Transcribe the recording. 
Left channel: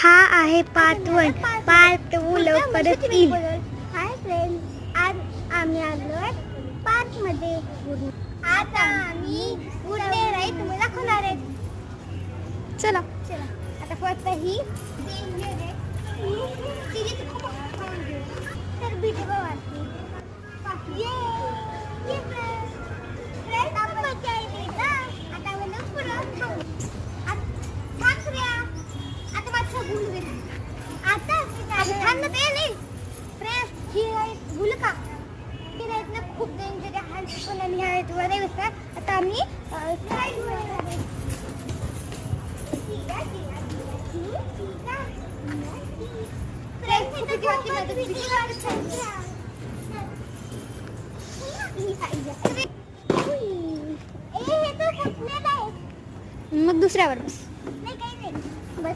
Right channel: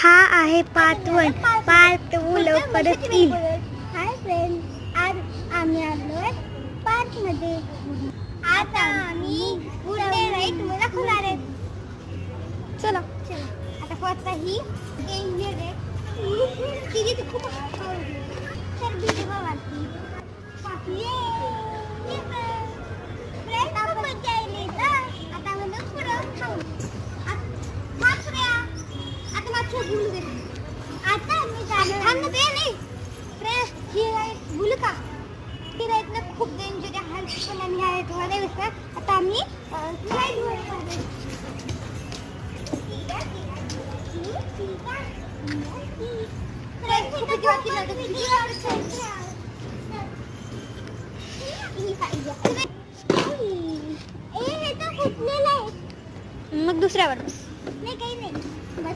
हा आहे part 1. Part 2 लवकरच येईल. हाय फ्रेंड्स, आज आम्ही आलोय पार्क मध्ये. आता आम्ही उडणे राईड तुम्हाला दाखवणार आहे. चला आता फक्त ही डेंजर आहे. ती खूप तर बीच बघा. खूप डेंजर आहे. आता आम्ही मग दुसऱ्यावर बस.